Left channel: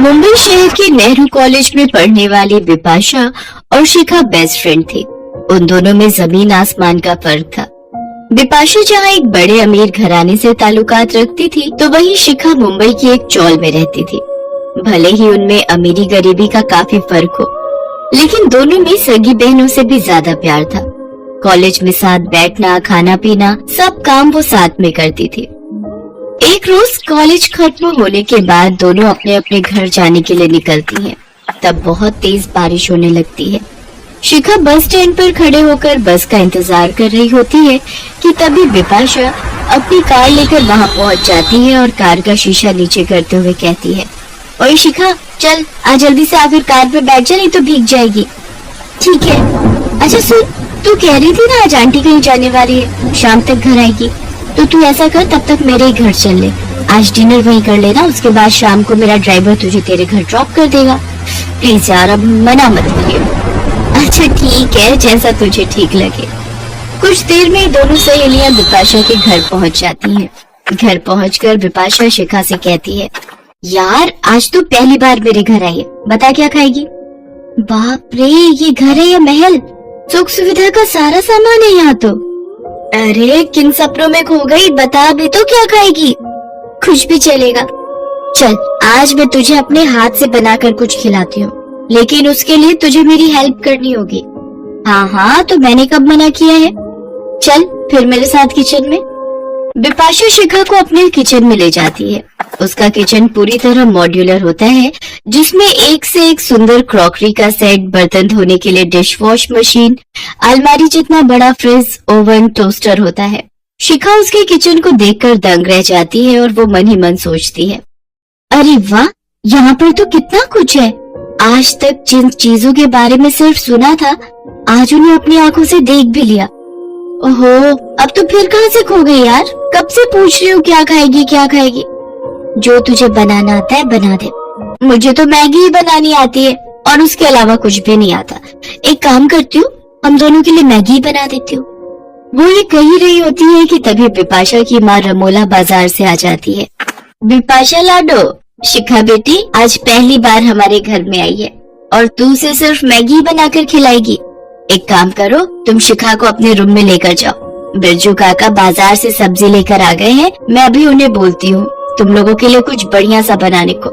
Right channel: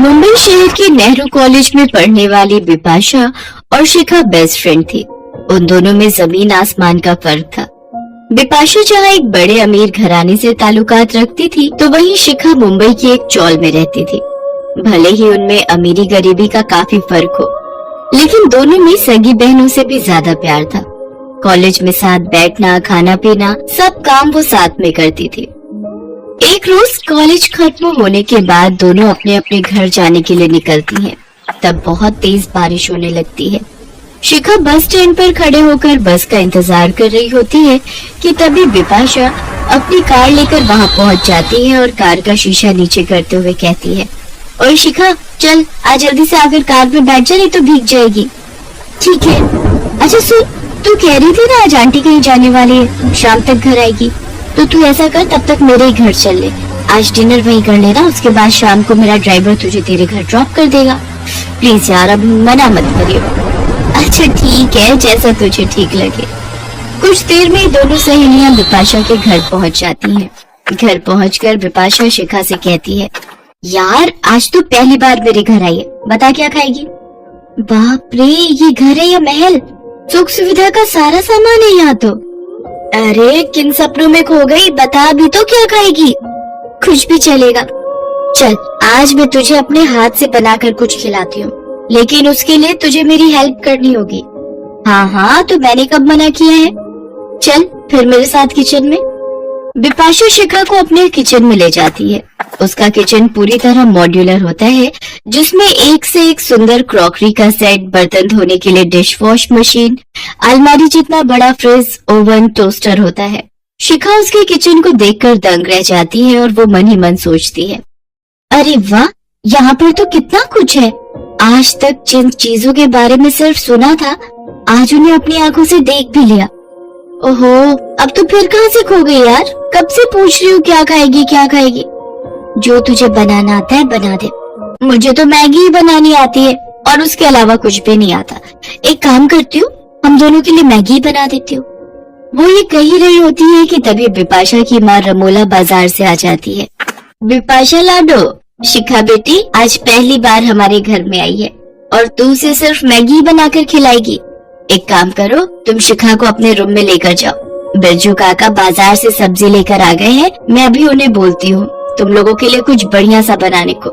मुंबई शहर के नेहरू कॉलेज में पढ़ने वाली बिपाशा और शिखा बेस्ट फ्रेंड थी। उन दोनों में जमीन आसमान का फर्क था। बिपाशा जहाँ एक बड़े अमीर घराने से ताल्लुकात रखती थी, तो वहीं शिखा मुंबई की एक चौल में रहती थी। भले ही उनमें अमीरी गरीबी का काफी फर्क हो, लेकिन दोनों में सगी बहनों से भी ज्यादा प्यार था। कॉलेज में साथ बैठना, खाना पीना, सब काम वो साथ में करती थी। एक रोज कॉलेज खत्म होने के बाद दोनों अपने अपने घर जाने के लिए निकलती हैं। तब बहुत तेज बारिश होने लगती है। शिखा बस स्टैंड पर खड़े होकर बस का इंतजार कर रही होती है कि तभी बिपाशा अपनी कार लेकर वहां पहुंच जाती है और कार का शीशा नीचे करते हुए कहती है, और शिखा चल आज जल्दी से आकर कार में बैठ जा, नहीं तो भीग जाएगी। ठीक है। अच्छा सुन, तू कह रही थी ना आज आंटी कहीं जाने वाली है, शाम तक घर आएगी, तो तू ऐसा कर, तब तक मेरे ही घर चल ले। आज डिनर वहीं कर लेना, उसके बाद शाम को मेरा ड्राइवर तुझे तेरे घर ड्रॉप कर देगा। प्लीज यार, अब मना मत करियो। अच्छा ठीक है, जैसा तुझे ठीक लगे। कुछ देर में दोनों सहेलियां बिपाशा के घर पहुंच जाती हैं। घर पहुंचकर बिपाशा शिखा से कहती है, यार आज तो पहली बार मेरे घर आई है, बता क्या खाएगी? बाप रे, ये घर है या महल? सुख सुविधा का सारा सामान है यहाँ तो। अरे किन सपनों में खो गई, बता भी तो क्या खाएगी? कुछ भी चलेगा। चल आज मैं तुझे अपने हाथ से बनाकर कुछ खिलाती हूँ, लेकिन उसके लिए तुझे मेरी हेल्प करनी होगी। हाँ हाँ, तो मैंने कब मना किया है? चल फिर मेरे साथ किचन में। बिपाशा शिखा को अपने किचन में ले जाती है। उसका किचन पूरी तरह मॉड्यूलर होता है, जिसमें एक से एक सुंदर क्रॉकरी का सेट, बर्तन धोने के लिए डिश वॉश मशीन, अलमारी जितना बड़ा फ्रिज, ओवन, टोस्टर होता है। शिखा उसके किचन को देखकर दंग रह जाती है और वो मन ही मन सोचती है, अरे वाह, यहाँ पर तो कितना कुछ है। आज तक जिन चीजों के बारे में सिर्फ सुना था, आज उन्हें अपनी आंखों से देख भी लिया। ओहो, अब तो फिर कहाँ से खो गई यार? कब से पूछ रही हूँ क्या खाएगी क्या खाएगी। जो तुझे बनाना आता है बना दे। मुझे तो मैगी ही बनानी आती है और उसके अलावा कुछ भी नहीं आता। एक काम करती हूँ, हम दोनों के लिए मैगी ही बना देती हूँ। वो ये कह ही रही होती है कि तभी बिपाशा की माँ रमोला बाजार से आ जाती है। बिपाशा लाडो, शिखा बेटी आज पहली बार हमारे घर में आई है और तू उसे सिर्फ मैगी ही बनाकर खिलाएगी। एक काम करो, तुम शिखा को अपने रूम में लेकर जाओ। बिरजू काका बाजार से सब्जी लेकर आ गए हैं, मैं अभी उन्हें बोलती हूँ तुम लोगों के लिए कुछ बढ़िया सा बनाने को।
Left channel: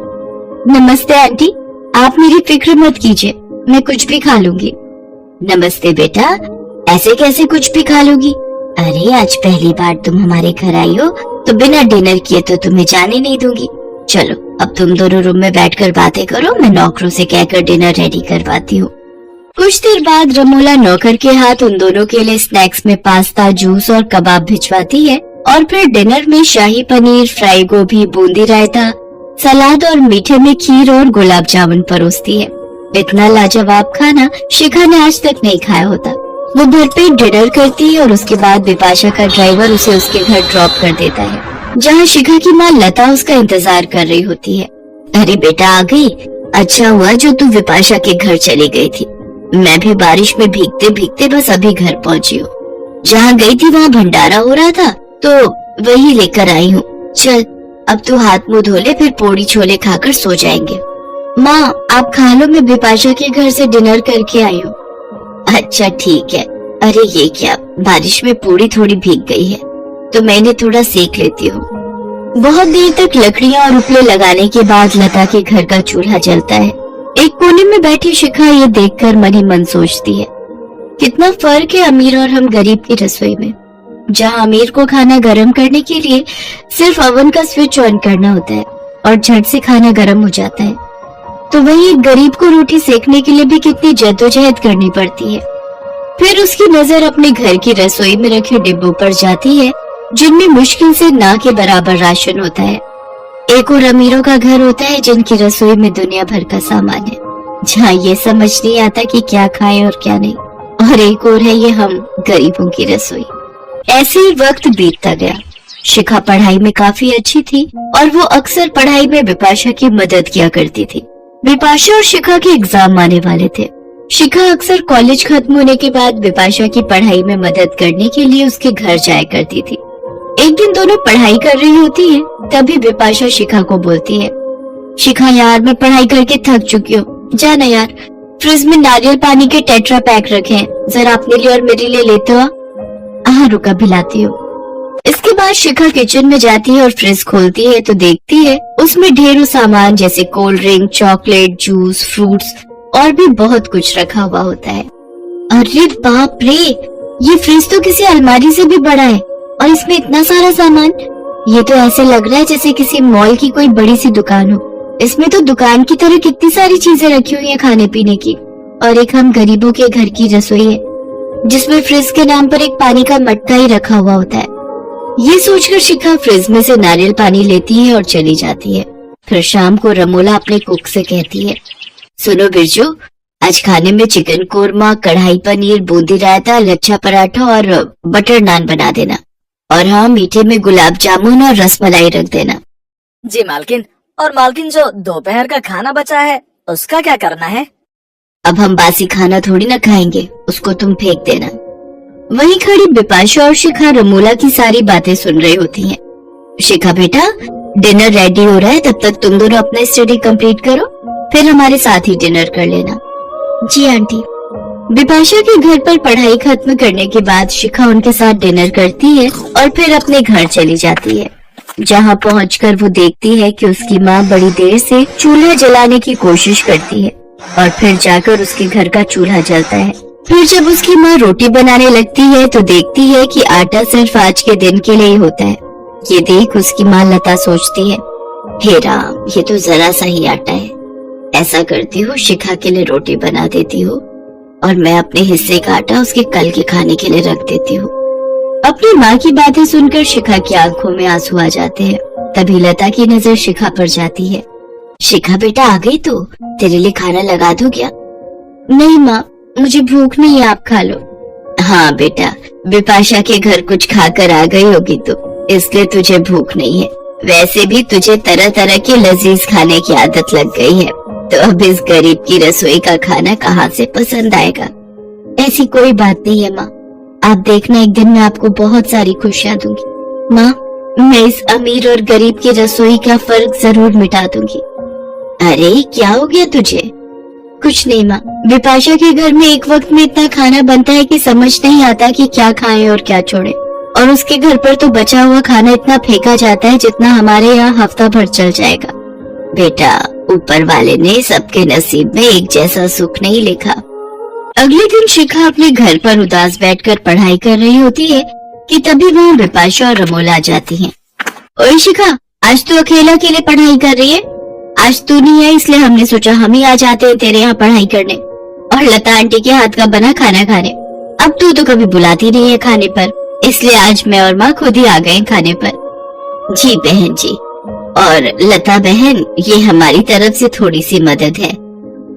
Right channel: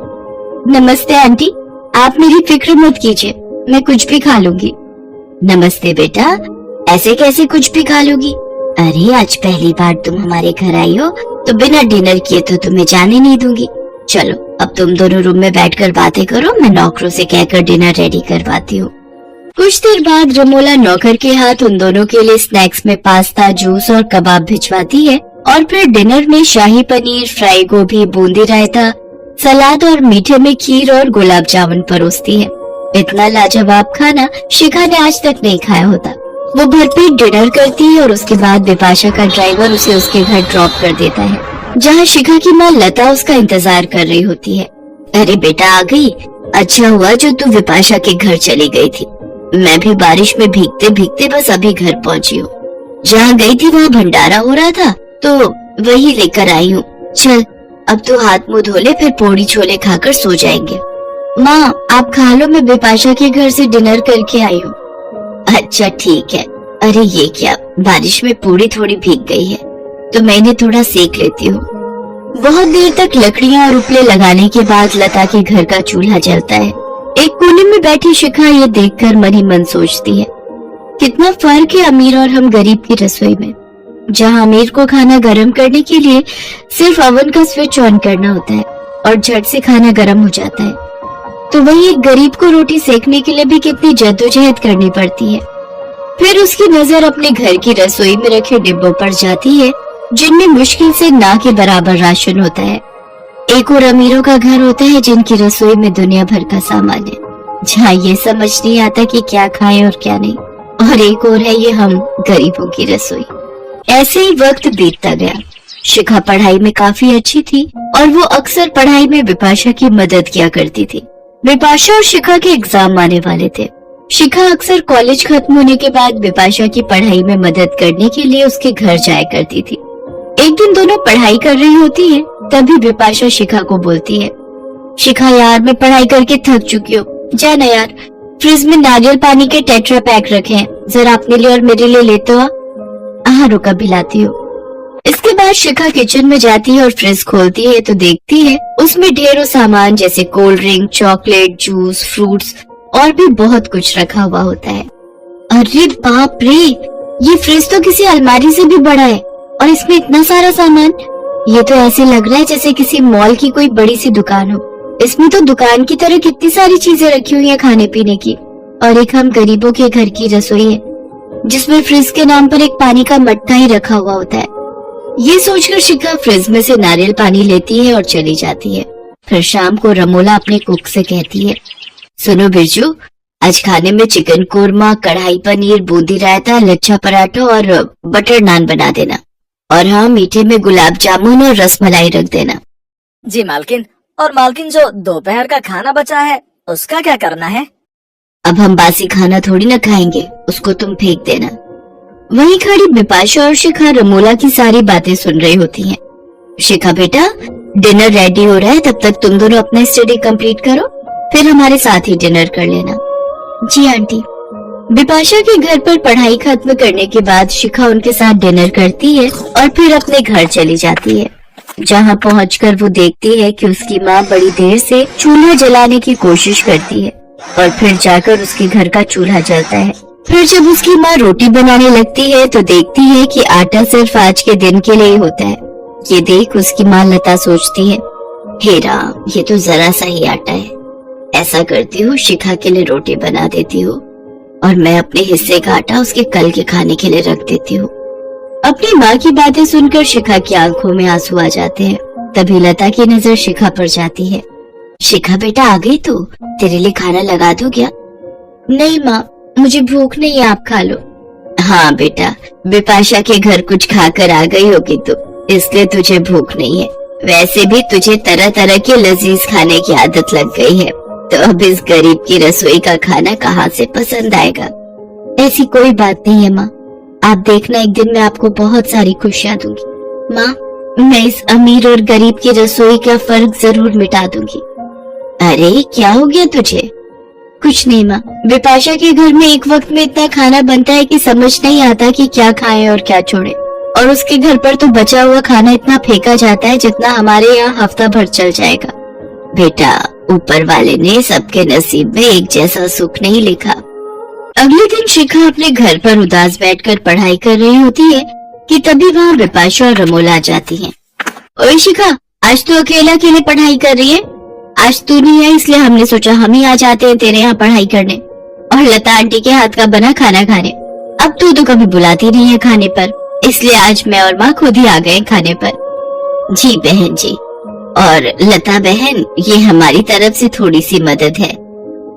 नमस्ते आंटी, आप मेरी फिक्र मत कीजिए, मैं कुछ भी खा लूंगी। नमस्ते बेटा, ऐसे कैसे कुछ भी खा लोगी? अरे आज पहली बार तुम हमारे घर आई हो, तो बिना डिनर किए तो तुम्हें जाने नहीं दूंगी। चलो अब तुम दोनों रूम में बैठकर बातें करो, मैं नौकरों से कहकर डिनर रेडी करवाती हूँ। कुछ देर बाद रमोला नौकर के हाथ उन दोनों के लिए स्नैक्स में पास्ता, जूस और कबाब भिजवाती है और फिर डिनर में शाही पनीर, फ्राई गोभी, बूंदी रायता, सलाद और मीठे में खीर और गुलाब जामुन परोसती है। इतना लाजवाब खाना शिखा ने आज तक नहीं खाया होता। वो भरपेट डिनर करती है और उसके बाद बिपाशा का ड्राइवर उसे उसके घर ड्रॉप कर देता है, जहाँ शिखा की माँ लता उसका इंतजार कर रही होती है। अरे बेटा आ गई, अच्छा हुआ जो तू बिपाशा के घर चली गई थी। मैं भी बारिश में भीगते भीगते बस अभी घर पहुँची हूँ। जहाँ गई थी वहाँ भंडारा हो रहा था, तो वही लेकर आई हूँ। चल अब तू हाथ मुंह धो ले, फिर पूड़ी छोले खाकर सो जाएंगे। माँ आप खा लो, मैं बिपाशा के घर से डिनर करके आई हूँ। अच्छा ठीक है। अरे ये क्या, बारिश में पूड़ी थोड़ी भीग गई है, तो मैंने थोड़ा सेक लेती हूँ। बहुत देर तक लकड़ियाँ और उपले लगाने के बाद लता के घर का चूल्हा जलता है। एक कोने में बैठी शिखा ये देखकर मन ही मन सोचती है, कितना फर्क है अमीर और हम गरीब की रसोई में। जहाँ अमीर को खाना गर्म करने के लिए सिर्फ ओवन का स्विच ऑन करना होता है और झट से खाना गर्म हो जाता है, तो वही एक गरीब को रोटी सेकने के लिए भी कितनी जद्दोजहद करनी पड़ती है। फिर उसकी नजर अपने घर की रसोई में रखे डिब्बों पर जाती है, जिनमें मुश्किल से ना के बराबर राशन होता है। एक और अमीरों का घर होता है जिनकी रसोई में दुनिया भर का सामान है, जहाँ ये समझ नहीं आता कि क्या खाए और क्या नहीं। और एक और है ये हम गरीबों की रसोई। ऐसे ही वक्त बीतता गया। शिखा पढ़ाई में काफी अच्छी थी और वो अक्सर पढ़ाई में बिपाशा की मदद किया करती थी। बिपाशा और शिखा के एग्जाम आने वाले थे। शिखा अक्सर कॉलेज खत्म होने के बाद बिपाशा की पढ़ाई में मदद करने के लिए उसके घर जाया करती थी। एक दिन दोनों पढ़ाई कर रही होती है, तभी बिपाशा शिखा को बोलती है, शिखा यार, मैं पढ़ाई करके थक चुकी हूँ, जा ना यार, फ्रिज में नारियल पानी के टेट्रा पैक रखे हैं, जरा अपने लिए और मेरे लिए लेते हो। हाँ रुका, भी लाती हूँ। इसके बाद शिखा किचन में जाती है और फ्रिज खोलती है तो देखती है उसमें ढेरों सामान जैसे cold drink, chocolate, juice, fruits और भी बहुत कुछ रखा हुआ होता है। अरे बाप रे, ये फ्रिज तो किसी अलमारी से भी बड़ा है और इसमें इतना सारा सामान। ये तो ऐसे लग रहा है जैसे किसी मॉल की कोई बड़ी सी दुकान हो। इसमें तो दुकान की तरह कितनी सारी चीजें रखी हुई है खाने पीने की, और एक हम गरीबों के घर की रसोई है जिसमें फ्रिज के नाम पर एक पानी का मटका ही रखा हुआ होता है। ये सोचकर शिखा फ्रिज में से नारियल पानी लेती है और चली जाती है। फिर शाम को रमोला अपने कुक से कहती है, सुनो बिरजू, आज खाने में चिकन कोरमा, कढ़ाई पनीर, बूंदी रायता, लच्छा पराठा और बटर नान बना देना, और हाँ, मीठे में गुलाब जामुन और रसमलाई रख देना। जी मालकिन। और मालकिन, जो दोपहर का खाना बचा है उसका क्या करना है? अब हम बासी खाना थोड़ी ना खाएंगे, उसको तुम फेंक देना। वहीं खड़ी बिपाशा और शिखा रमोला की सारी बातें सुन रही होती हैं। शिखा बेटा, डिनर रेडी हो रहा है, तब तक तुम दोनों अपना स्टडी कंप्लीट करो, फिर हमारे साथ ही डिनर कर लेना। जी आंटी। बिपाशा के घर पर पढ़ाई खत्म करने के बाद शिखा उनके साथ डिनर करती है और फिर अपने घर चली जाती है, जहाँ पहुंचकर वो देखती है कि उसकी माँ बड़ी देर से चूल्हा जलाने की कोशिश करती है और फिर जाकर उसके घर का चूल्हा जलता है। फिर जब उसकी माँ रोटी बनाने लगती है तो देखती है कि आटा सिर्फ आज के दिन के लिए होता है। ये देख उसकी माँ लता सोचती है, हे राम, ये तो जरा सा ही आटा है। ऐसा करती हूँ, शिखा के लिए रोटी बना देती हूँ और मैं अपने हिस्से का आटा उसके कल के खाने के लिए रख देती हूँ। अपनी माँ की बातें सुनकर शिखा की आंखों में आंसू आ जाते हैं। तभी लता की नजर शिखा पर जाती है। शिखा बेटा, आ गई तू? तेरे लिए खाना लगा दूं क्या? नहीं माँ, मुझे भूख नहीं है, आप खा लो। हाँ बेटा, बिपाशा के घर कुछ खाकर आ गई होगी तो इसलिए तुझे भूख नहीं है। वैसे भी तुझे तरह तरह के लजीज खाने की आदत लग गई है, तो अब इस गरीब की रसोई का खाना कहाँ से पसंद आएगा? ऐसी कोई बात नहीं है माँ, आप देखना, एक दिन मैं आपको बहुत सारी खुशियाँ दूंगी। माँ, मैं इस अमीर और गरीब की रसोई का फर्क जरूर मिटा दूंगी। अरे क्या हो गया तुझे? कुछ नहीं माँ, बिपाशा के घर में एक वक्त में इतना खाना बनता है कि समझ नहीं आता कि क्या खाएं और क्या छोड़ें। और उसके घर पर तो बचा हुआ खाना इतना फेंका जाता है जितना हमारे यहाँ हफ्ता भर चल जाएगा। बेटा, ऊपर वाले ने सबके नसीब में एक जैसा सुख नहीं लिखा। अगले दिन शिखा अपने घर पर उदास बैठकर पढ़ाई कर रही होती है कि तभी वहाँ बिपाशा और रमोला आ जाती हैं। ओए शिखा, आज तो अकेला अकेले पढ़ाई कर रही है? आज तू नहीं है इसलिए हमने सोचा हम ही आ जाते हैं तेरे यहाँ पढ़ाई करने और लता आंटी के हाथ का बना खाना खाने। अब तू तो कभी बुलाती नहीं है खाने पर, इसलिए आज मैं और माँ खुद ही आ गए खाने पर। जी बहन जी। और लता बहन, ये हमारी तरफ से थोड़ी सी मदद है।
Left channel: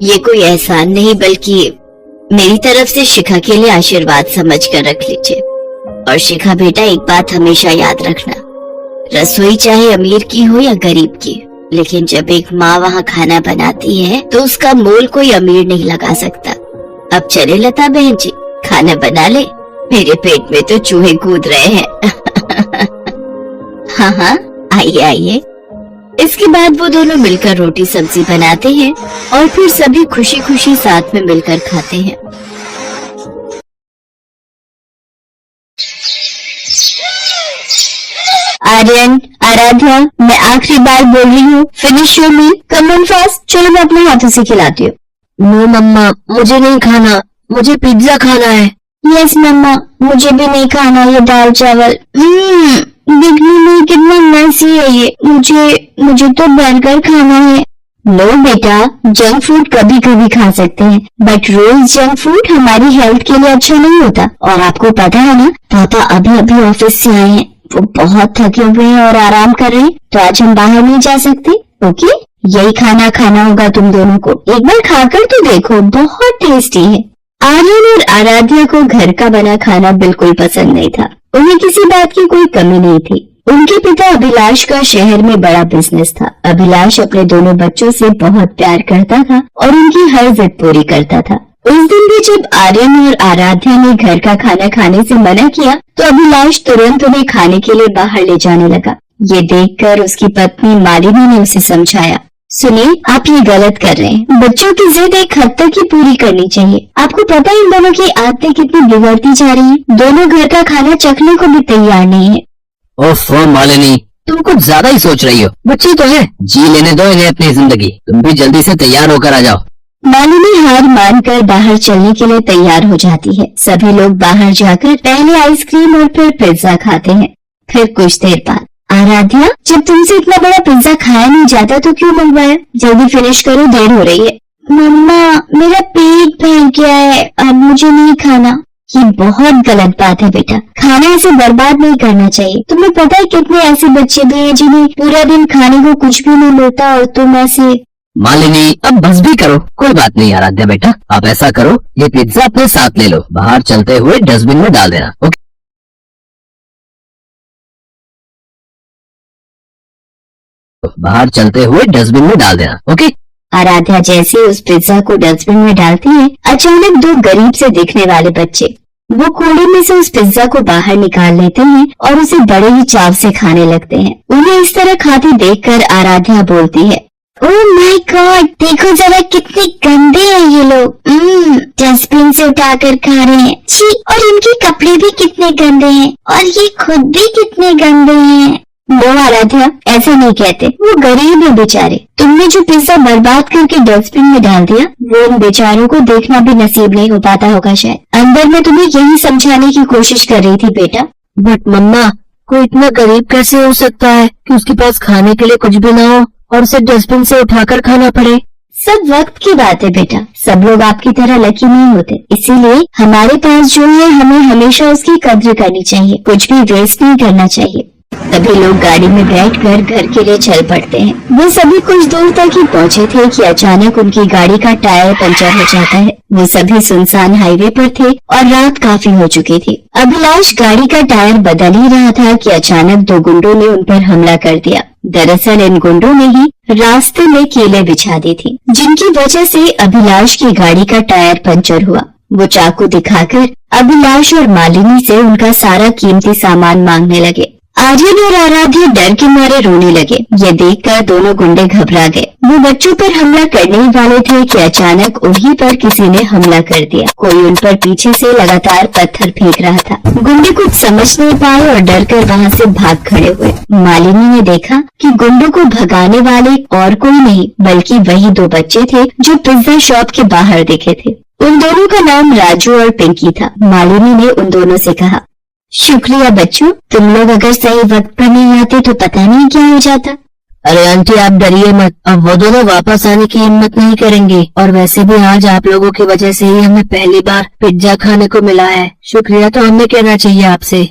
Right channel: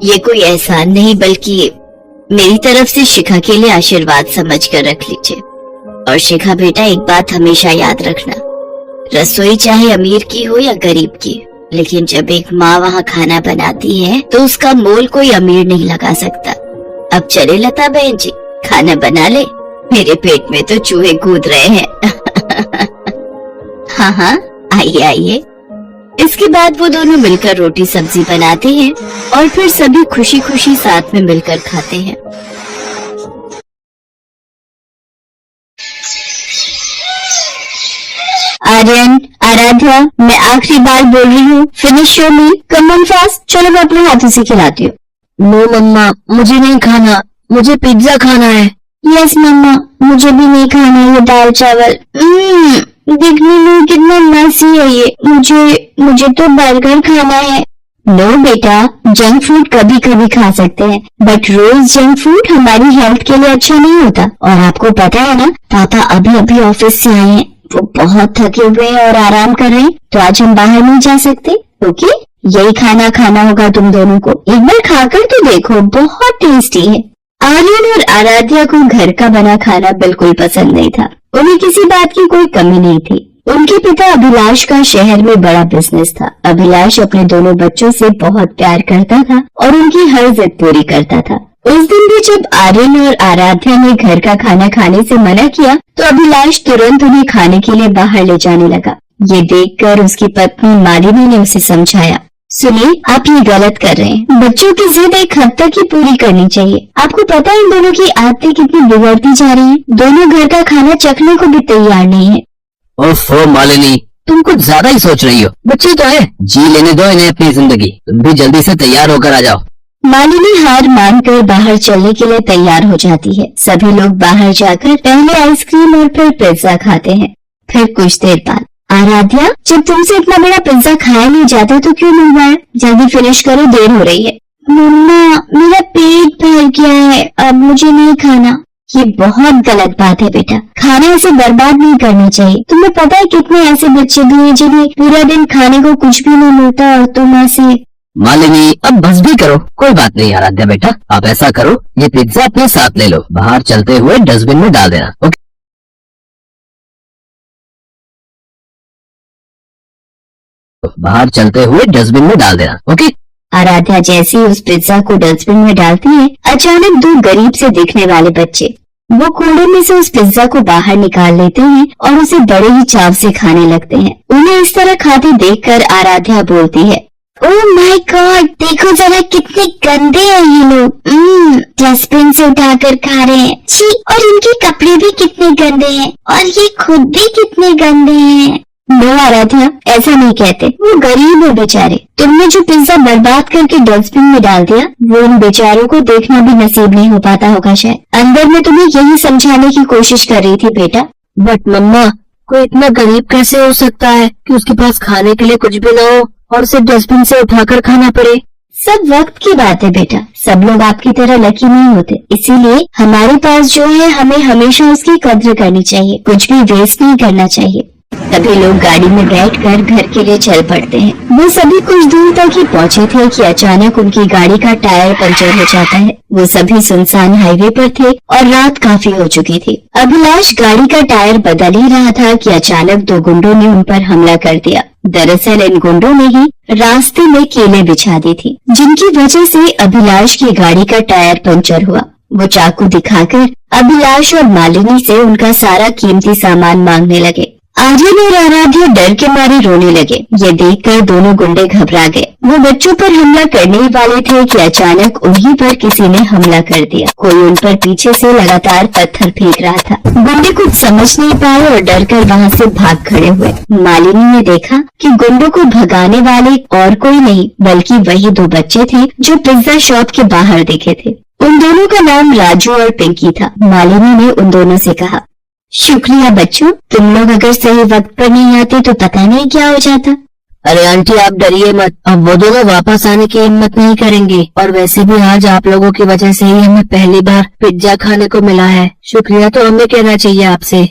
ये कोई एहसान नहीं बल्कि मेरी तरफ से शिखा के लिए आशीर्वाद समझ कर रख लीजिए। और शिखा बेटा, एक बात हमेशा याद रखना, रसोई चाहे अमीर की हो या गरीब की, लेकिन जब एक माँ वहाँ खाना बनाती है तो उसका मोल कोई अमीर नहीं लगा सकता। अब चले लता बहन जी, खाना बना ले, मेरे पेट में तो चूहे कूद रहे हैं। हाँ हाँ, आइए आइए। इसके बाद वो दोनों मिलकर रोटी सब्जी बनाते हैं और फिर सभी खुशी खुशी साथ में मिलकर खाते हैं। आर्यन, आराध्या, मैं आखिरी बार बोल रही हूँ, finish your meal, come on fast. चलो मैं अपने हाथों से खिलाती हूँ। नो मम्मा, मुझे नहीं खाना, मुझे पिज्जा खाना है। यस मम्मा, मुझे भी नहीं खाना ये दाल चावल। देखने में कितनी मस्त है ये, मुझे तो बर्गर खाना है। नो बेटा, जंक फूड कभी कभी खा सकते हैं, बट रोज जंक फूड हमारी हेल्थ के लिए अच्छा नहीं होता। और आपको पता है ना, पापा अभी अभी ऑफिस से आए हैं, वो बहुत थके हुए हैं और आराम कर रहे हैं, तो आज हम बाहर नहीं जा सकते। ओके, यही खाना खाना होगा तुम दोनों को। एक बार खाकर तो देखो, बहुत टेस्टी है। आर्यन और आराध्या को घर का बना खाना बिल्कुल पसंद नहीं था। उन्हें किसी बात की कोई कमी नहीं थी। उनके पिता अभिलाष का शहर में बड़ा बिजनेस था। अभिलाष अपने दोनों बच्चों से बहुत प्यार करता था और उनकी हर जिद पूरी करता था। उस दिन भी जब आर्यन और आराध्या ने घर का खाना खाने से मना किया तो अभिलाष तुरंत उन्हें खाने के लिए बाहर ले जाने लगा। ये देखकर उसकी पत्नी मालिनी ने उसे समझाया, सुनिए, आप ये गलत कर रहे हैं। बच्चों की जिद एक हद तक ही पूरी करनी चाहिए। आपको पता है इन दोनों की आदतें कितनी बिगड़ती जा रही हैं? दोनों घर का खाना चखने को भी तैयार नहीं है। ओफो मालिनी, तुम कुछ ज्यादा ही सोच रही हो। बच्चे तो है, जी लेने दो इन्हें अपनी जिंदगी। तुम भी जल्दी से तैयार होकर आ जाओ। मालिनी हार मानकर बाहर चलने के लिए तैयार हो जाती है। सभी लोग बाहर जाकर पहले आइसक्रीम और फिर पिज्जा खाते हैं। फिर कुछ देर बाद, आराध्या, जब तुमसे इतना बड़ा पिज्जा खाया नहीं जाता तो क्यों मंगवाया? जल्दी फिनिश करो, देर हो रही है। मम्मा, मेरा पेट भर गया है, अब मुझे नहीं खाना। ये बहुत गलत बात है बेटा, खाना ऐसे बर्बाद नहीं करना चाहिए। तुम्हें पता है कितने ऐसे बच्चे भी हैं जिन्हें पूरा दिन खाने को कुछ भी नहीं मिलता और तुम ऐसे। मालिनी, अब बस भी करो। कोई बात नहीं आराध्या बेटा, आप ऐसा करो, ये पिज्जा अपने साथ ले लो, बाहर चलते हुए डस्टबिन में डाल देना। ओके? बाहर चलते हुए डस्टबिन में डाल देना। ओके? आराध्या जैसे ही उस पिज्जा को डस्टबिन में डालती है, अचानक दो गरीब से दिखने वाले बच्चे वो कूड़े में से उस पिज्जा को बाहर निकाल लेते हैं और उसे बड़े ही चाव से खाने लगते हैं। उन्हें इस तरह खाते देखकर आराध्या बोलती है, ओह माय गॉड, देखो जरा कितने गंदे हैं ये लोग। डस्टबिन से उठाकर खा रहे हैं। छी, और इनके कपड़े भी कितने गंदे हैं और ये खुद भी कितने गंदे हैं। नो आराध्या, ऐसा नहीं कहते, वो गरीब है बेचारे। तुमने जो पिज्जा बर्बाद करके डस्टबिन में डाल दिया, वो उन बेचारों को देखना भी नसीब नहीं हो पाता होगा शायद। अंदर में तुम्हें यही समझाने की कोशिश कर रही थी बेटा। बट मम्मा, कोई इतना गरीब कैसे हो सकता है कि उसके पास खाने के लिए कुछ भी ना हो और उसे डस्टबिन से उठाकर खाना पड़े? सब वक्त की बात है बेटा, सब लोग आपकी तरह लकी नहीं होते। इसीलिए हमारे पास जो है हमें हमेशा उसकी कद्र करनी चाहिए, कुछ भी वेस्ट नहीं करना चाहिए। सभी लोग गाड़ी में बैठकर घर के लिए चल पड़ते हैं। वो सभी कुछ दूर तक ही पहुँचे थे कि अचानक उनकी गाड़ी का टायर पंचर हो जाता है। वो सभी सुनसान हाईवे पर थे और रात काफी हो चुकी थी। अभिलाष गाड़ी का टायर बदल ही रहा था कि अचानक दो गुंडों ने उन पर हमला कर दिया। दरअसल इन गुंडों ने ही रास्ते में केले बिछा दी थी, जिनकी वजह से अभिलाष की गाड़ी का टायर पंचर हुआ। वो चाकू दिखाकर अभिलाष और मालिनी से उनका सारा कीमती सामान मांगने लगे। आर्यन और आराध्या डर के मारे रोने लगे। ये देखकर दोनों गुंडे घबरा गए। वो बच्चों पर हमला करने ही वाले थे कि अचानक उन्हीं पर किसी ने हमला कर दिया। कोई उन पर पीछे से लगातार पत्थर फेंक रहा था। गुंडे कुछ समझ नहीं पाए और डर कर वहाँ से भाग खड़े हुए। मालिनी ने देखा कि गुंडों को भगाने वाले और कोई नहीं बल्कि वही दो बच्चे थे जो पिज्जा शॉप के बाहर दिखे थे। उन दोनों का नाम राजू और पिंकी था। मालिनी ने उन दोनों से कहा, शुक्रिया बच्चों, तुम लोग अगर सही वक्त पर नहीं आते तो पता नहीं क्या हो जाता। अरे आंटी, आप डरिए मत, अब वो दोनों वापस आने की हिम्मत नहीं करेंगे। और वैसे भी आज आप लोगों की वजह से ही हमें पहली बार पिज्जा खाने को मिला है। शुक्रिया तो हमें कहना चाहिए आपसे।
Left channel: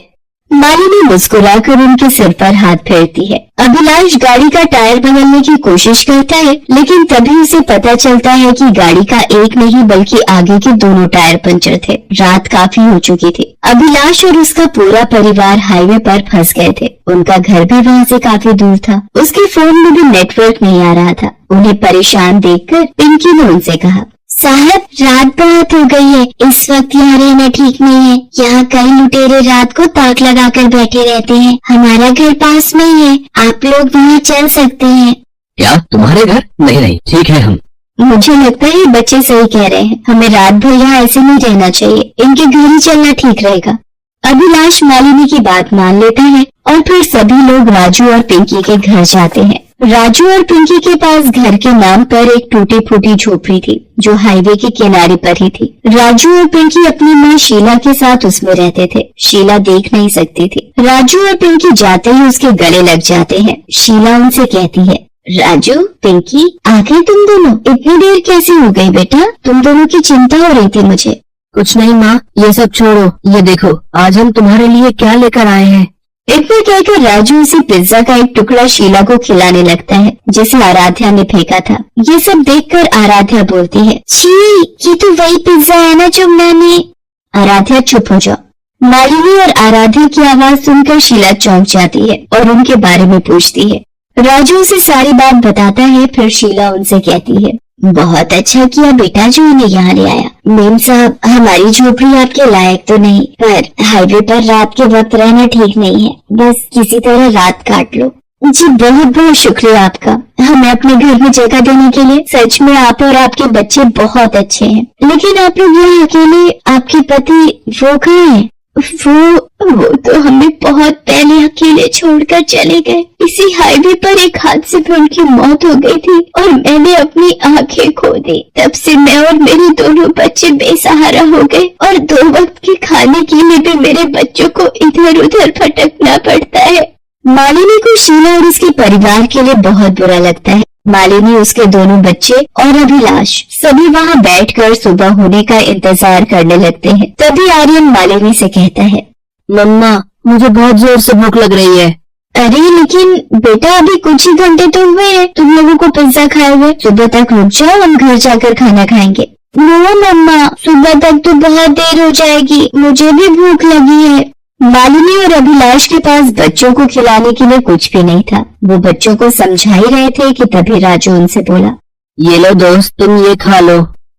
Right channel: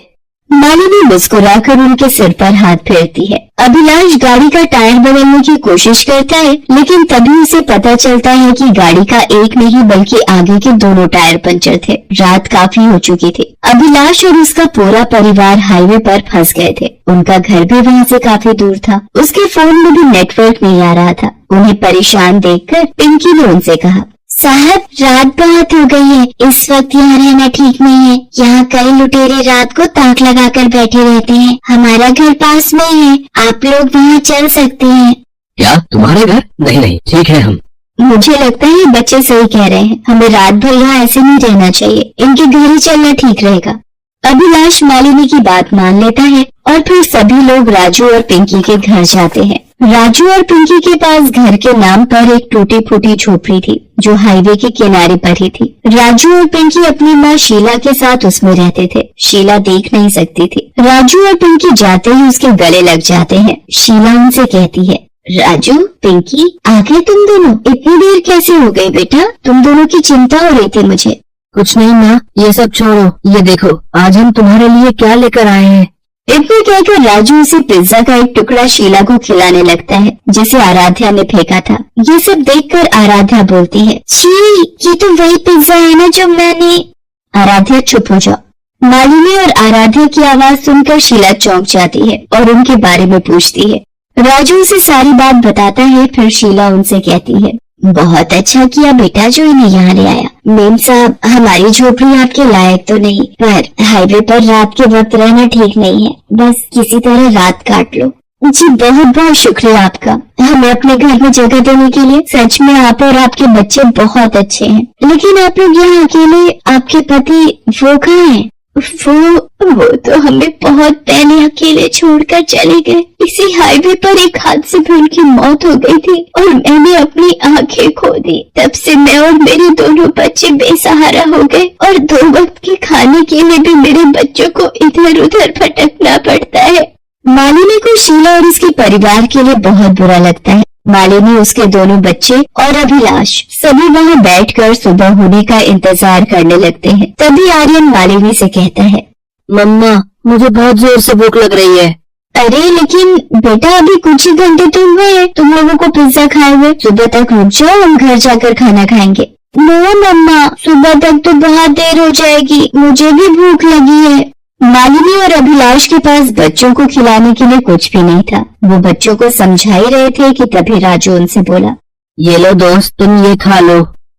मालिनी मुस्कुराकर उनके सिर पर हाथ फेरती है। अभिलाष गाड़ी का टायर बदलने की कोशिश करता है, लेकिन तभी उसे पता चलता है कि गाड़ी का एक नहीं बल्कि आगे के दोनों टायर पंचर थे। रात काफी हो चुकी थी। अभिलाष और उसका पूरा परिवार हाईवे पर फंस गए थे। उनका घर भी वहाँ से काफी दूर था। उसके फोन में भी नेटवर्क नहीं आ रहा था। उन्हें परेशान देखकर पिंकी ने उनसे कहा, साहब, रात बहुत हो गई है, इस वक्त यहाँ रहना ठीक नहीं है। यहाँ कई लुटेरे रात को ताक लगाकर बैठे रहते हैं। हमारा घर पास में ही है, आप लोग वहाँ चल सकते हैं। क्या तुम्हारे घर? नहीं नहीं, ठीक है हम। मुझे लगता है बच्चे सही कह रहे हैं, हमें रात भर यहाँ ऐसे नहीं रहना चाहिए। इनके घर ही चलना ठीक रहेगा। अभिलाष मालिनी की बात मान लेता है और फिर सभी लोग राजू और पिंकी के घर जाते हैं। राजू और पिंकी के पास घर के नाम पर एक टूटी फूटी झोपड़ी थी जो हाईवे के किनारे पर ही थी। राजू और पिंकी अपनी माँ शीला के साथ उसमें रहते थे। शीला देख नहीं सकती थी। राजू और पिंकी जाते ही उसके गले लग जाते हैं। शीला उनसे कहती है, राजू, पिंकी, आ गए तुम दोनों? इतनी देर कैसे हो गई बेटा? तुम दोनों की चिंता हो रही थी मुझे। कुछ नहीं माँ, ये सब छोड़ो, ये देखो आज हम तुम्हारे लिए क्या लेकर आए हैं। इतना कहकर राजू उसे पिज्जा का एक टुकड़ा शीला को खिलाने लगता है जिसे आराध्या ने फेंका था। ये सब देखकर आराध्या बोलती है, छी, ये तो वही पिज्जा है ना जो मैंने। आराध्या चुप हो जाओ। मालिनी और आराध्या की आवाज सुनकर शीला चौंक जाती है और उनके बारे में पूछती है। राजू उसे सारी बात बताता है। फिर शीला उनसे कहती है, बहुत अच्छा किया बेटा जो इन्हें यहाँ ले आया। मेम साहब, हमारी झोपड़ी आपके लायक तो नहीं, पर हाईवे पर रात के वक्त रहना ठीक नहीं है। बस किसी तरह रात काट लो। जी बहुत बहुत शुक्रिया आपका हमें अपने घर में जगह देने के लिए। सच में आप और आपके बच्चे बहुत अच्छे हैं। लेकिन आप लोग यहाँ अकेले, आपके पति वो कहाँ हैं? वो तो हमें बहुत पहले अकेले छोड़कर चले गए। इसी हाईवे पर एक हादसे में उनकी मौत हो गई थी और मैंने अपनी आंखें खो दी। तब से मैं और मेरे दोनों बच्चे बेसहारा हो गए और 2 वक्त के खाने के लिए भी मेरे बच्चों को इधर उधर भटकना पड़ता है। मालिनी को शीला और उसके परिवार के लिए बहुत बुरा लगता है। मालिनी, उसके दोनों बच्चे और अभिलाष सभी वहाँ बैठकर सुबह होने का इंतजार करने लगते हैं। तभी आर्यन मालिनी से कहता है, मम्मा मुझे बहुत जोर से भूख लग रही है। अरे लेकिन बेटा अभी कुछ ही घंटे तो हुए हैं तुम लोगों को पिज्जा खाए हुए। सुबह तक रुक जाओ, हम घर जाकर खाना खाएंगे। नो मम्मा, सुबह तक तो बहुत देर हो जाएगी, मुझे भी भूख लगी है। मालिनी और अभिलाष के पास बच्चों को खिलाने के लिए कुछ भी नहीं था। वो बच्चों को समझा ही रहे थे कि तभी राजू उनसे बोला, ये लो दोस्त, तुम ये खा लो।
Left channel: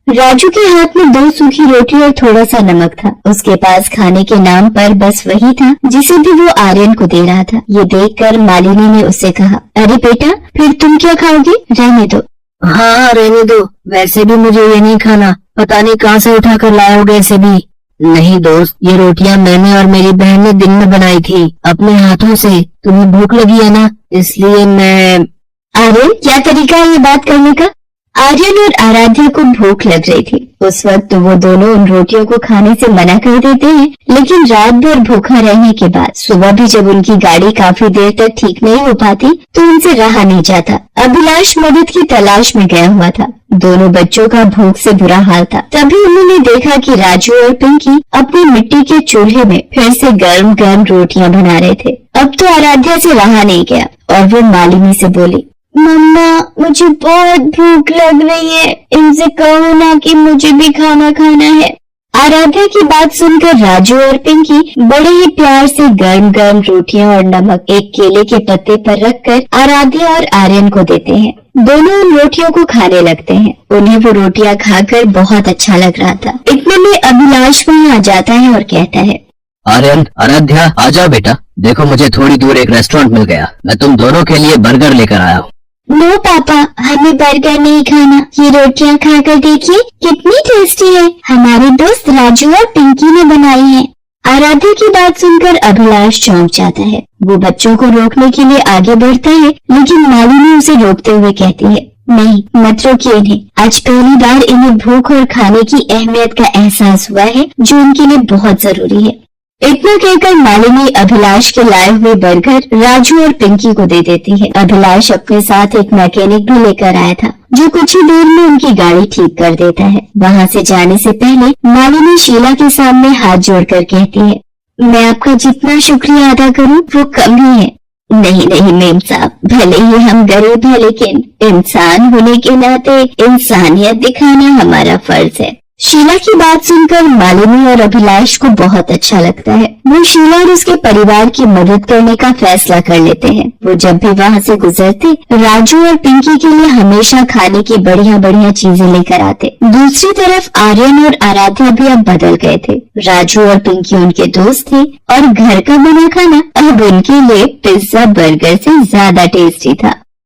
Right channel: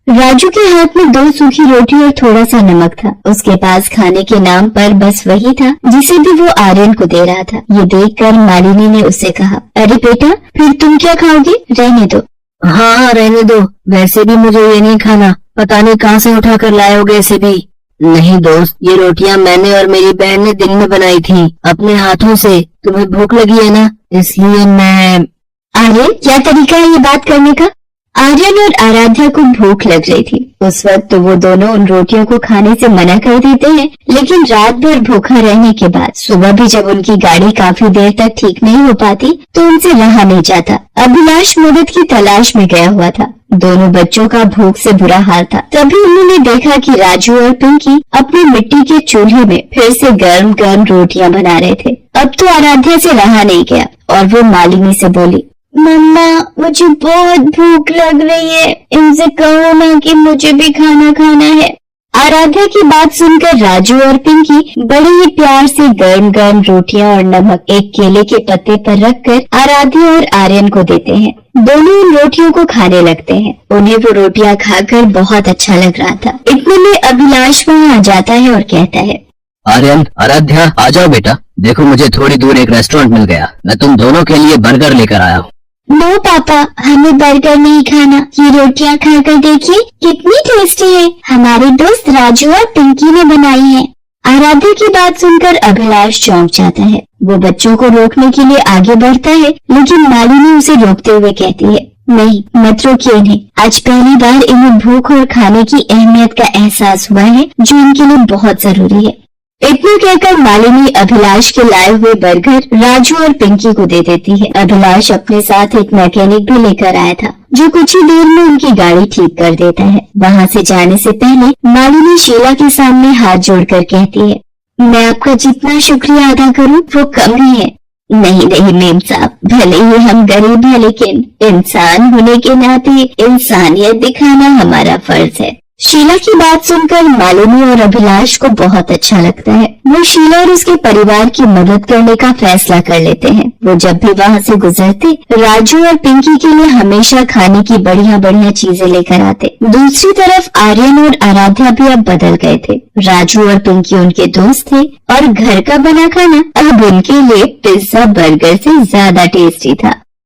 राजू के हाथ में 2 सूखी रोटी और थोड़ा सा नमक था। उसके पास खाने के नाम पर बस वही था जिसे भी वो आर्यन को दे रहा था। ये देखकर मालिनी ने उससे कहा, अरे बेटा फिर तुम क्या खाओगी? रहने दो। हाँ रहने दो, वैसे भी मुझे ये नहीं खाना। पता नहीं कहाँ से उठा कर लाए होगे इसे भी। नहीं दोस्त, ये रोटियां मैंने और मेरी बहन ने दिन में बनाई थी अपने हाथों से। तुम्हें भूख लगी है ना, इसलिए मैं। आर्यन, क्या तरीका है ये बात करने का? आर्यन और आराध्या को भूख लग रही थी। उस वक्त तो वो दोनों उन रोटियों को खाने से मना कर देते हैं, लेकिन रात भर भूखा रहने के बाद सुबह भी जब उनकी गाड़ी काफी देर तक ठीक नहीं हो पाती तो उनसे रहा नहीं जाता। अभिलाष मदद की तलाश में गया हुआ था। दोनों बच्चों का भूख से बुरा हाल था। तभी उन्होंने देखा कि राजू और पिंकी अपनी मिट्टी के चूल्हे में फिर से गर्म गर्म रोटियां बना रहे थे। अब तो आराध्या से रहा नहीं गया और वो मालिनी से बोली, मम्मा मुझे बहुत भूख लग रही है, इनसे कहो ना कि मुझे भी खाना खाना है। आराध्या की बात सुनकर राजू और पिंकी बड़े ही प्यार से गर्म गर्म रोटियां और नमक एक केले के पत्ते पर रखकर आराध्या और आर्यन को देते हैं। दोनों उन रोटियों को खाने लगते हैं। उन्हें वो रोटियां खाकर बहुत अच्छा लग रहा था। इतने में अभिलाष वहाँ आ जाता है और कहता है, आर्यन, आराध्या, आ जाओ बेटा। देखो मुझे थोड़ी दूर एक रेस्टोरेंट मिल गया। मैं तुम दोनों के लिए बर्गर लेकर आया हूँ। नो पापा, हमें बर्गर नहीं खाना। ये रोटियां खाकर देखिए कितनी टेस्टी है। हमारे दोस्त राजू और पिंकी ने बनाई है। आराध्या की बात सुनकर अभिलाष चौंक जाता है। वो बच्चों को रोकने के लिए आगे बढ़ता है, लेकिन मालिनी उसे रोकते हुए कहती है, नहीं मत रोकिए इन्हें। आज पहली बार इन्हें भूख और खाने की अहमियत का एहसास हुआ है जो इनके लिए बहुत जरूरी है। इतना कहकर मालिनी अभिलाष के लाए हुए बर्गर राजू और पिंकी को दे देती है। अभिलाष अपने साथ एक मैकेनिक भी लेकर आया था जो कुछ ही देर में उनकी गाड़ी ठीक कर देता है। वहाँ से जाने से पहले मालिनी शीला के सामने हाथ जोड़कर कहती है, मैं आपका जितना शुक्रिया अदा करूँ वो कम ही है। नहीं नहीं मेम साहब, भले ही हम गरीब हैं लेकिन इंसान होने के नाते इंसानियत दिखाना हमारा फर्ज है। शीला की बात सुनकर मालिनी और अभिलाष को बहुत अच्छा लगता है। वो शीला और उसके परिवार की मदद करने का फैसला कर लेते हैं। वो जब भी वहाँ से गुजरते राजू और पिंकी के लिए हमेशा खाने की बढ़िया बढ़िया चीजें लेकर आते। दूसरी तरफ आर्यन और आराध्या भी अब बदल गए थे। राजू और पिंकी उनके दोस्त थे और घर का बना खाना अब उनके लिए पिज्जा बर्गर से ज्यादा टेस्टी था।